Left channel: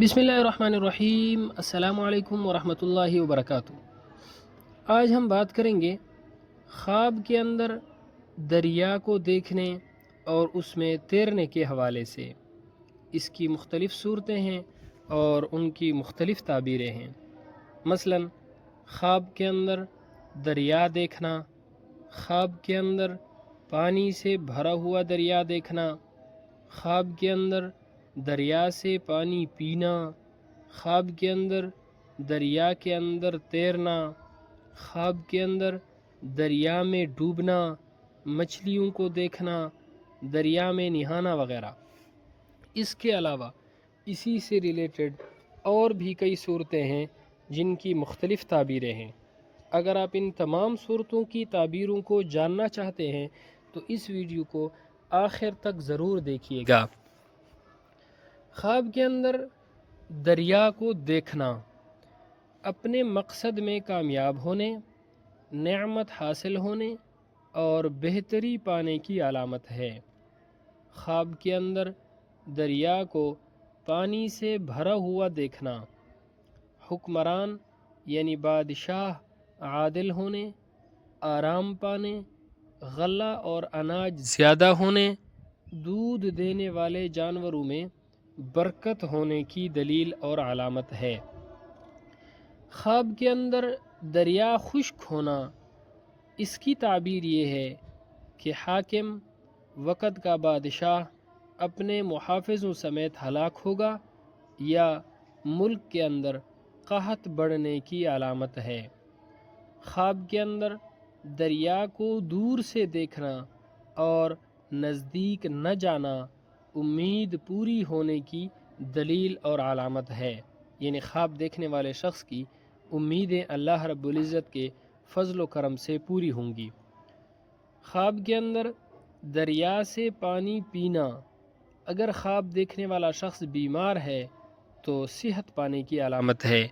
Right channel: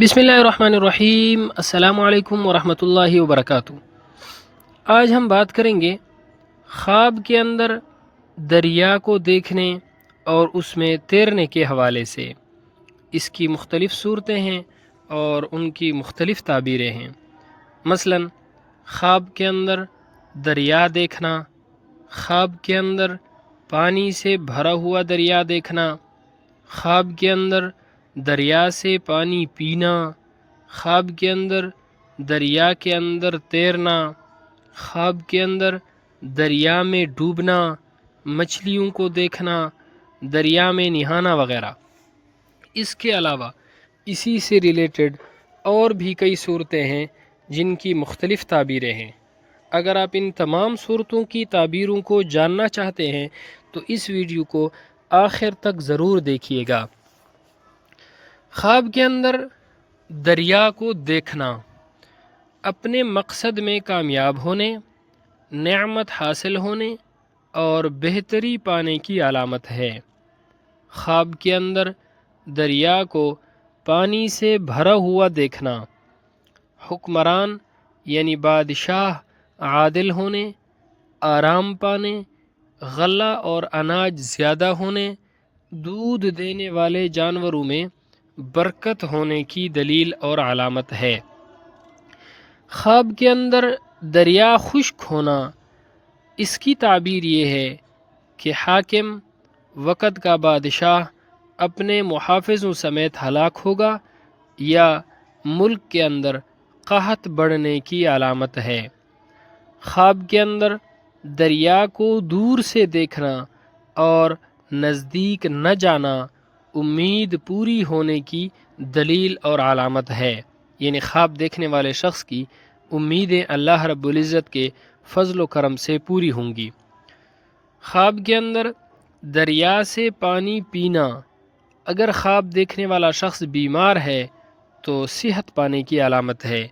بسم اللہ الرحمن الرحیم۔ السلام علیکم ورحمۃ اللہ وبرکاتہ۔ آج ہم بات کریں گے خواب کے اندر دریا کو دیکھنے اور اس میں تیرنے کے حوالے سے۔ اس کی مختلف صورتیں ہیں اور ان کی مختلف تعبیریں ہیں۔ مثلا خواب کے اندر دریا دیکھنا، خواب کے اندر پانی سے بھرا ہوا دریا دیکھنا، خواب کے اندر دریا سے پانی پینا، خواب کے اندر دریا کے اندر تیرنا، خواب کے اندر دریا میں ڈوبنا، مچھلیوں کو دیکھنا، دریا میں نہانا وغیرہ۔ اس کے علاوہ اسی سے ریلیٹڈ اور بھی کئی صورتیں ہیں جن کی مختلف تعبیریں ہیں۔ اگر آپ ان تمام صورتوں کی تعبیروں کو جاننا چاہتے ہیں تو اس ویڈیو کو آخر تک ضرور دیکھیے گا۔ خواب کے اندر دریا کو دیکھنا اپنے مقصد میں کامیاب ہونے، نعمت حاصل ہونے اور بہتری پانے کی علامت ہے۔ خواب کے اندر دریا کو پانی سے بھرا ہوا دیکھنا، حکمران یعنی بادشاہ عادل ہونے، آرام پانے، غلہ اور اناج زیادہ ہونے، دودھ دینے والے جانوروں میں برکت ہونے کی دلیل اور علامت ہے۔ خواب کے اندر دریا خشک ہونا، اس کی تعبیر یہ ہے کہ حاکم وقت کا بادشاہ اپنے محافظوں سمیت ہلاک ہوگا یا ملک کے اندر قحط بڑھنے کی علامت ہے۔ خواب کے اندر دریا کو دور سے دیکھنا اور نزدیک نہ جانا امید پوری ہونے کی دلیل اور علامت ہے، یعنی خواب دیکھنے والے شخص کی امیدیں اللہ رب العزت کے فضل و کرم سے پوری ہوں گی۔ خواب کے اندر دریا سے پانی پینا، اگر خواب دیکھنے والا شخص بیمار ہے تو صحت پانے کی علامت ہے،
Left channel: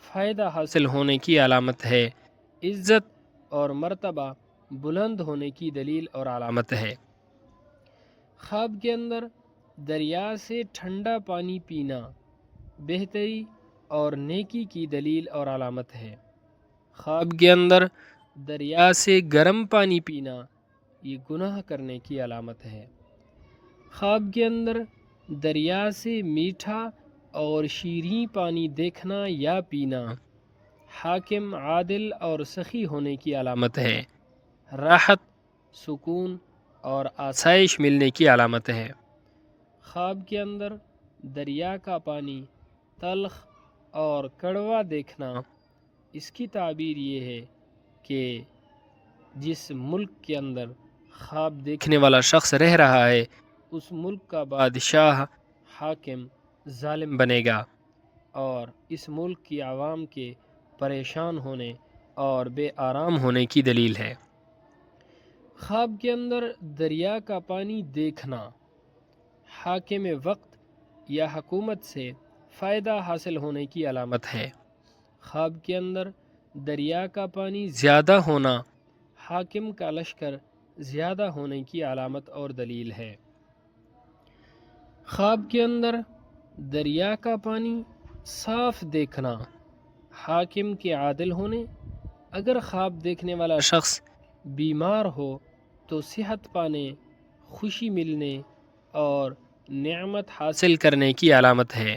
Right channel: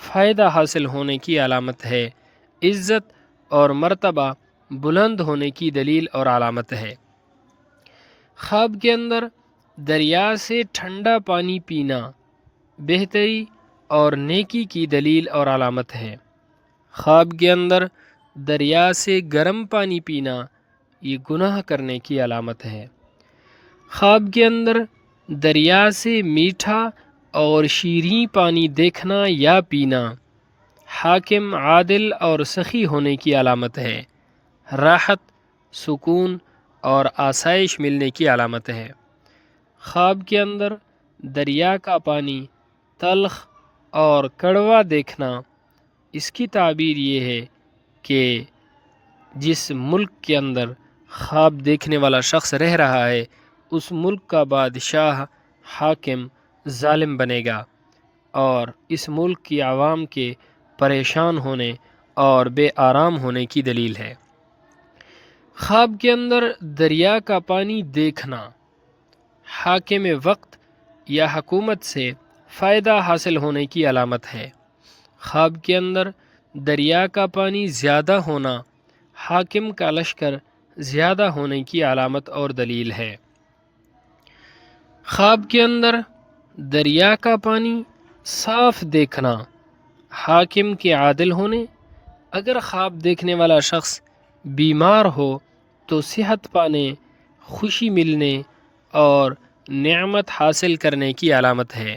فائدہ حاصل ہونے کی علامت ہے، عزت اور مرتبہ بلند ہونے کی دلیل اور علامت ہے۔ خواب کے اندر دریا سے ٹھنڈا پانی پینا بہتری اور نیکی کی دلیل اور علامت ہے۔ خواب کے اندر دریا سے گرم پانی پینا یہ گناہ کرنے کی علامت ہے۔ خواب کے اندر دریا سے میٹھا اور شیریں پانی دیکھنا یا پینا حاکم عادل اور سخی ہونے کی علامت ہے، راحت، سکون اور آسائش ملنے کی علامت ہے۔ خواب کے اندر دریا کا پانی تلخ اور کڑوا دیکھنا، اس کی تعبیر یہ ہے کہ جس ملک کے اندر خواب دیکھنے والا شخص رہ رہا ہے اس ملک کا بادشاہ حاکم ظالم بنے گا اور اس ملک کی عوام کے پریشان ہونے اور بے آرام ہونے کی دلیل ہے۔ خواب کے اندر دریا کا پانی دیکھنا حاکم وقت یا حکومت سے فائدہ حاصل ہونے کی علامت ہے۔ خواب کے اندر دریا کا پانی زیادہ ہونا حاکم کا لشکر زیادہ ہونے کی علامت اور دلیل ہے۔ خواب کے اندر دریا کا پانی صاف دیکھنا حاکم کے عادل ہونے، اگر خواب دیکھنے والا شخص بیمار ہو تو صحت پانے، خوشی ملنے اور نعمت حاصل کرنے کی علامت ہے۔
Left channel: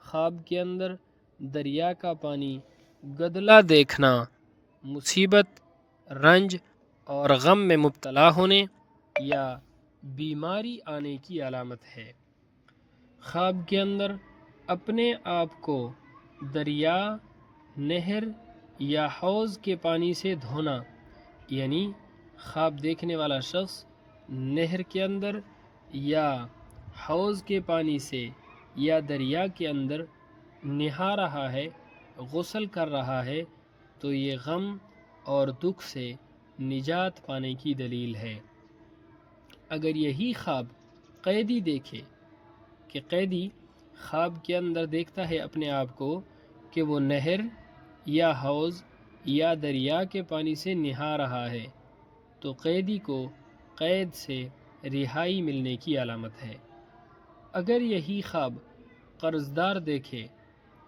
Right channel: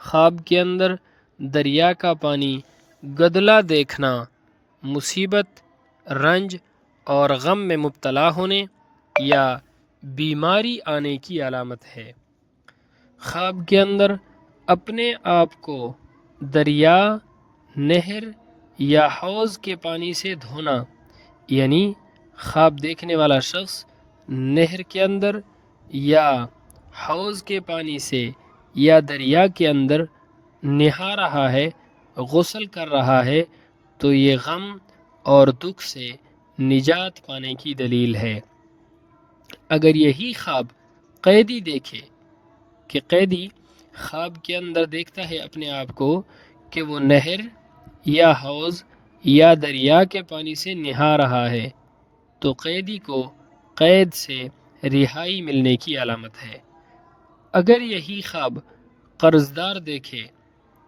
خواب کے اندر دریا کا پانی گدلا دیکھنا مصیبت، رنج اور غم میں مبتلا ہونے یا بیماری آنے کی علامت ہے۔ خواب کے اندر اپنے آپ کو دریا، نہر یا حوض کے پانی سے دھونا، یعنی خواب دیکھنے والا شخص نہر کے اندر یا حوض کے پانی سے یا دریا کے اندر نہا رہا ہے، غسل کر رہا ہے تو یہ غم اور دکھ سے نجات پانے کی دلیل ہے۔ اگر یہی خواب قیدی دیکھے کہ قیدی خواب کے اندر دیکھتا ہے اپنے آپ کو کہ وہ نہر یا حوض یا دریا کے پانی سے نہا رہا ہے تو قیدی کو قید سے رہائی ملنے کی علامت ہے۔ اگر یہی خواب قرض دار دیکھے،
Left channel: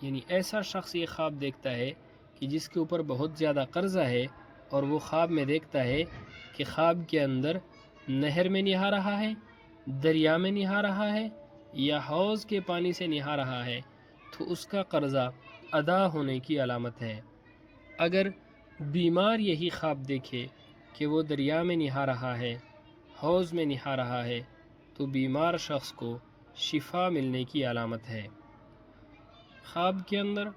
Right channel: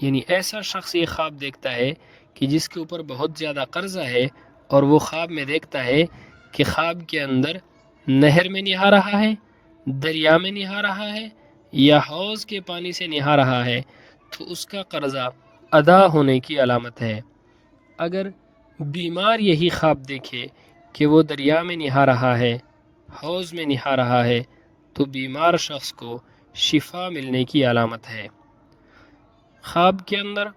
یعنی ایسا شخص یہ خواب دیکھتا ہے کہ جس کے اوپر بہت زیادہ قرضہ ہے، اور وہ خواب میں دیکھتا ہے کہ خواب کے اندر نہر میں نہا رہا ہے، دریا میں نہا رہا ہے، یا حوض کے پانی سے نہا رہا ہے، تو اس کا قرضہ ادا ہونے کی علامت ہے۔ اگر بیمار یہی خواب دیکھے کہ وہ دریا میں نہا رہا ہے، حوض میں نہا رہا ہے، تو بیمار شخص کو شفا ملنے کی علامت ہے۔ خواب کے اندر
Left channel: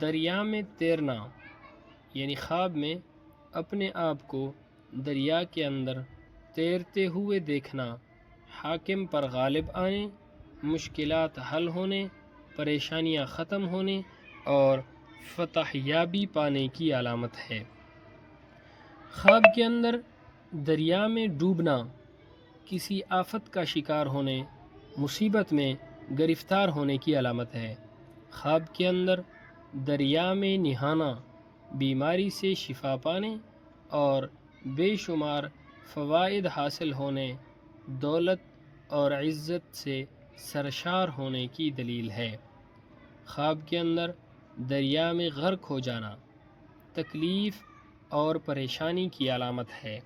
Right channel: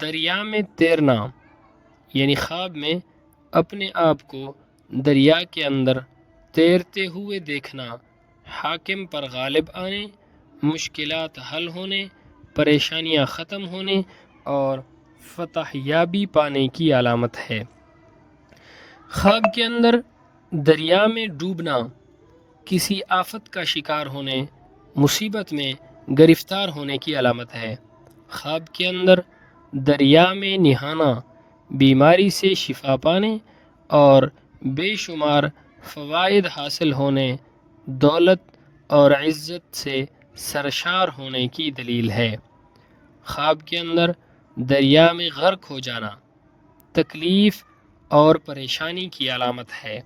دریا میں تیرنا، یعنی خواب میں اپنے آپ کو دریا کے اندر تیرتے ہوئے دیکھنا، حاکم پر غالب آنے، مشکلات حل ہونے، پریشانیاں ختم ہونے اور فتح یابی پانے کی علامت ہے۔ خواب کے اندر دریا میں ڈوبنا کسی آفت کا شکار ہونے، مصیبت میں گرفتار ہونے کی علامت ہے۔ خواب کے اندر دریا میں نہانا بیماری سے شفا پانے اور بے شمار فوائد حاصل ہونے، دولت اور عزت سے سرشار ہونے کی دلیل ہے۔ خواب کے اندر دریا میں غرق ہو جانا تکلیف اور پریشانی کی علامت ہے۔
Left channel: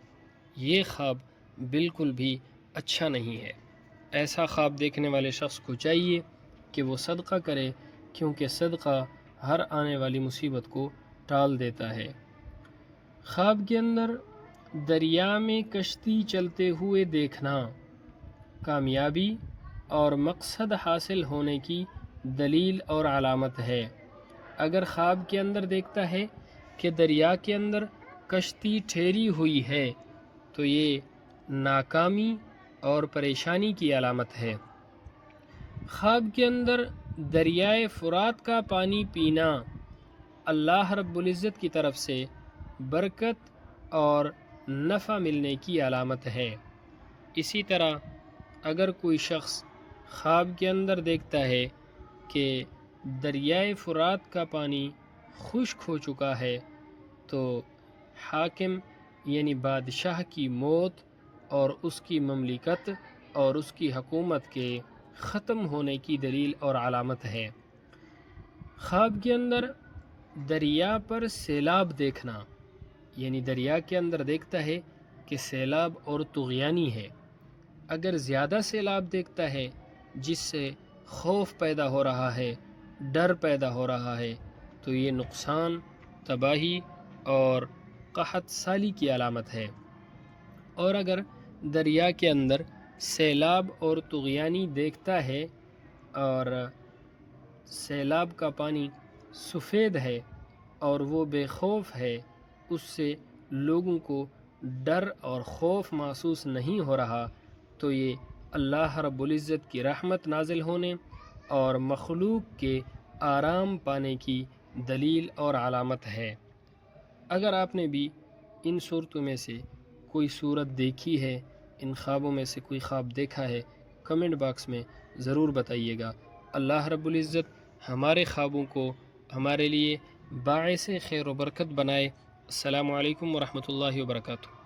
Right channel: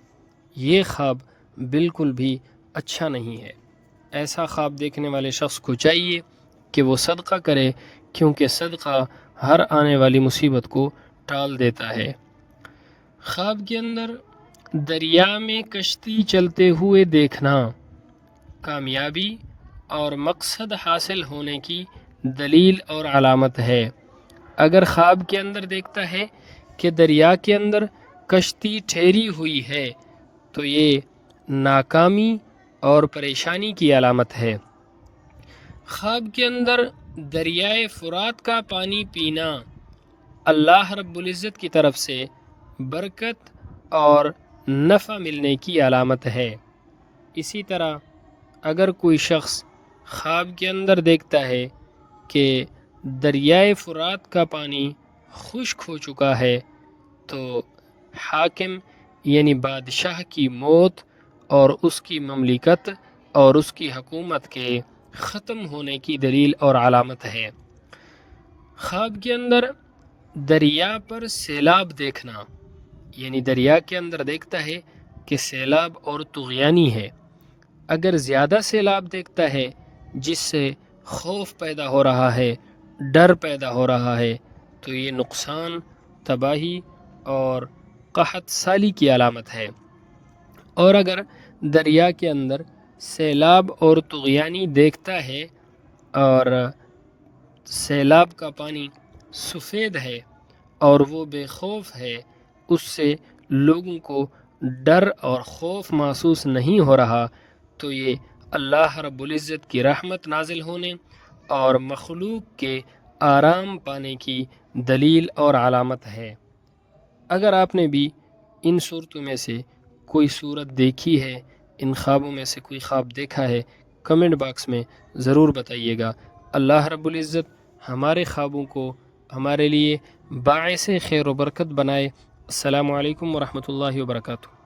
یہ خواب بالکل بھی اچھا نہیں ہے۔ ایسا خواب دیکھنے والے شخص کو چاہیے کہ وہ صدقہ کرے، کیونکہ صدقہ ہر آنے والی مصیبت کو ٹال دیتا ہے۔ خواب کے اندر دریا میں کشتی چلتے ہوئے دیکھنا کامیابی اور مقصد حاصل ہونے کی دلیل اور علامت ہے۔ اگر خواب کے اندر دیکھتا ہے کہ دریا کے اندر کشتی ٹھہری ہوئی ہے، تو یہ ناکامی اور پریشانی کی علامت ہے۔ خواب کے اندر دریائے فرات کا پانی پینا اللہ رب العزت کی طرف سے برکت اور نفع ملنے کی علامت ہے۔ اسی طرح اگر کوئی شخص خواب کے اندر دیکھتا ہے کہ دریائے فرات کا پانی خشک ہو چکا ہے، تو حاکم یعنی بادشاہ کی موت اور اس کی مملکت اور اس کی حکومت کے ختم ہونے کی دلیل اور علامت ہے۔ خواب کے اندر دریا پر سیلاب دیکھنا، یعنی دریا کے اندر دیکھتا ہے کہ سیلاب اور طغیانی ہے۔ اگر زیادہ سیلاب دیکھتا ہے جس سے خوف پیدا ہو رہا ہے، ڈر پیدا ہو رہا ہے، تو یہ نقصان، تباہی اور قحط سالی کی علامت ہے۔ اور اگر دریا کے اندر سیلاب اور طغیانی دیکھتا ہے اور سیلاب کا پانی سفید ہے اور وہ بے خوف ہے، اس سے لوگوں کو ڈر اور خوف محسوس نہیں ہو رہا، تو یہ اللہ رب العزت کی رحمت نازل ہونے اور مخلوق کے آرام پانے کی دلیل اور علامت ہے۔ اگر آپ نے بھی ان صورتوں میں سے کوئی صورت دیکھی ہے، ان خوابوں میں سے کوئی خواب دیکھا ہے، کمنٹ باکس میں ضرور بتائیے گا۔ اللہ رب العزت ہمارے خوابوں کو ہمارے لیے باعث خیر و برکت بنائے۔ السلام علیکم ورحمۃ اللہ وبرکاتہ۔